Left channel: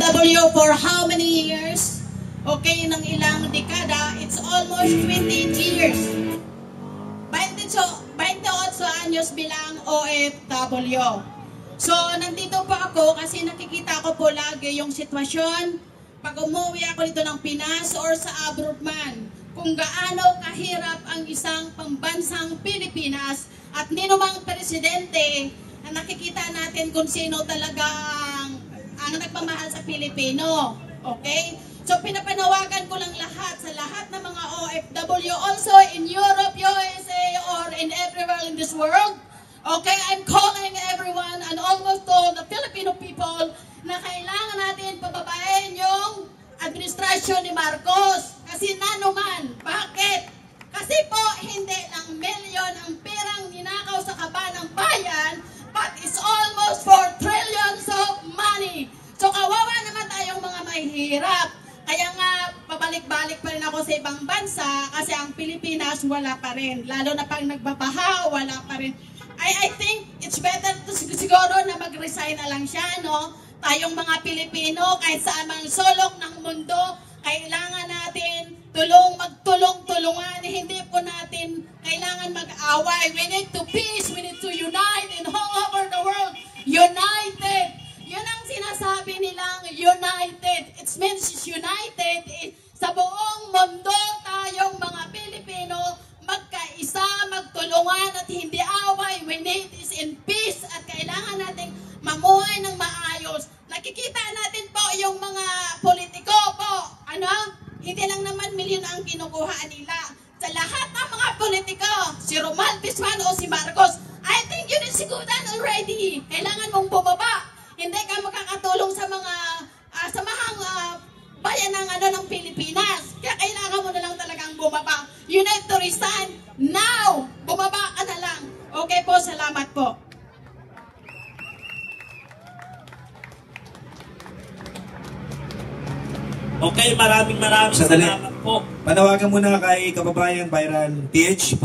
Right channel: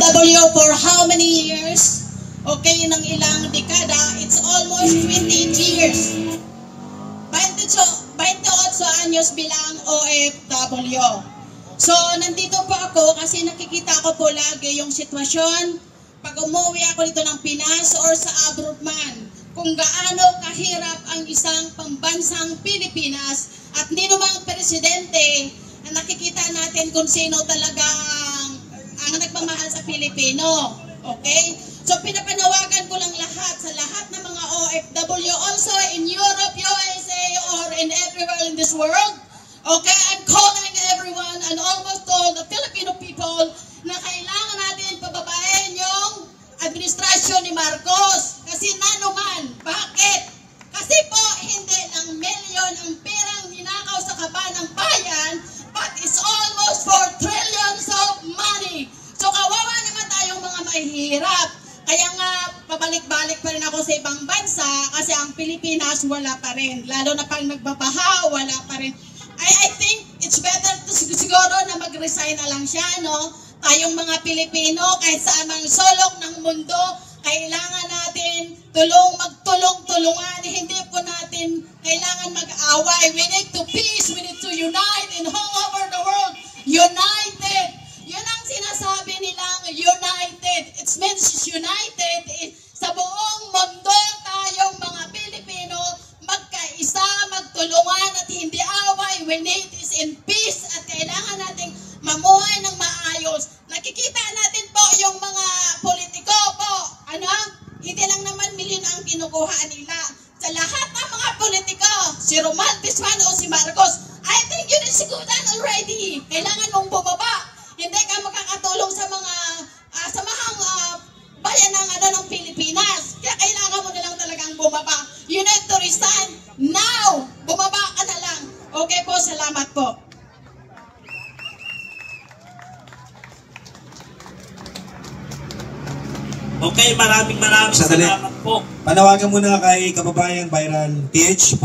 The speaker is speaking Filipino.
W for how many years? Okay, ng ilang dekada, it's almost 20 years. 28 anyos bilang OFW. So, nandito po ako kasi nakikita ko po lagi yung sitwasyon pag umuwi ako dito ng Pinas or sa abroad man, kung gaano kahirap ang isang pambansang Pilipinas at ninumang presidente na nakikita natin kung sino talaga ang nagmamahal sa Pilipino. Okay? So, pinapanawagan ko lang sa lahat ng mga OFW, also in Europe, USA, or in everywhere in this world. Okay? I'm calling everyone and almost all the Filipino people na kailangan natin pababain yung administrasyon ni Marcos. Kasi nanuman. Bakit? Kasi po, hindi lang milyon ang perang ninakaw sa kaban ng bayan, but it's almost 4 trillions of money. So, kawawa naman tayong mga mahihirap. Kaya nga, pabalik-balik pa rin ako sa ibang bansa kasi ang Pilipinas wala pa rin. Lalo na pag nagbabaha, wala pa rin. I think it's better to siguro na mag-resign na lang siya, no? Tayong mga Pilipino, kahit saan mang sulok ng mundo, kailangan natin magtulong-tulungan. Hindi po natin kailangan mag-away. We need to peace, we need to unite in all over the world. United! Yun ang sinasabi nilang united. It means united. Sa buong mundo, tayong mga Pilipino, magkaisa, magtulungan at hindi away. We need is in peace at kailangan nating mamuhay ng maayos. Nakikita natin po yung mga politiko po. Hindi lang naman milyon ang kinukuha nila. Sa lahat ng mga politiko, si Romualdez man o si Marcos, I think yun is siguran already. Kailangan mong bumaba. Hindi ka makakatulong sa mga samahang bayan ng Pilipinas. Kaya kailangan mo na lang talagang bumaba. You need to resign now. Bumaba ka na lang. Okay po, salamat po. Okay, maraming salamat po. Panawagan muna kay kababayan Viral PH.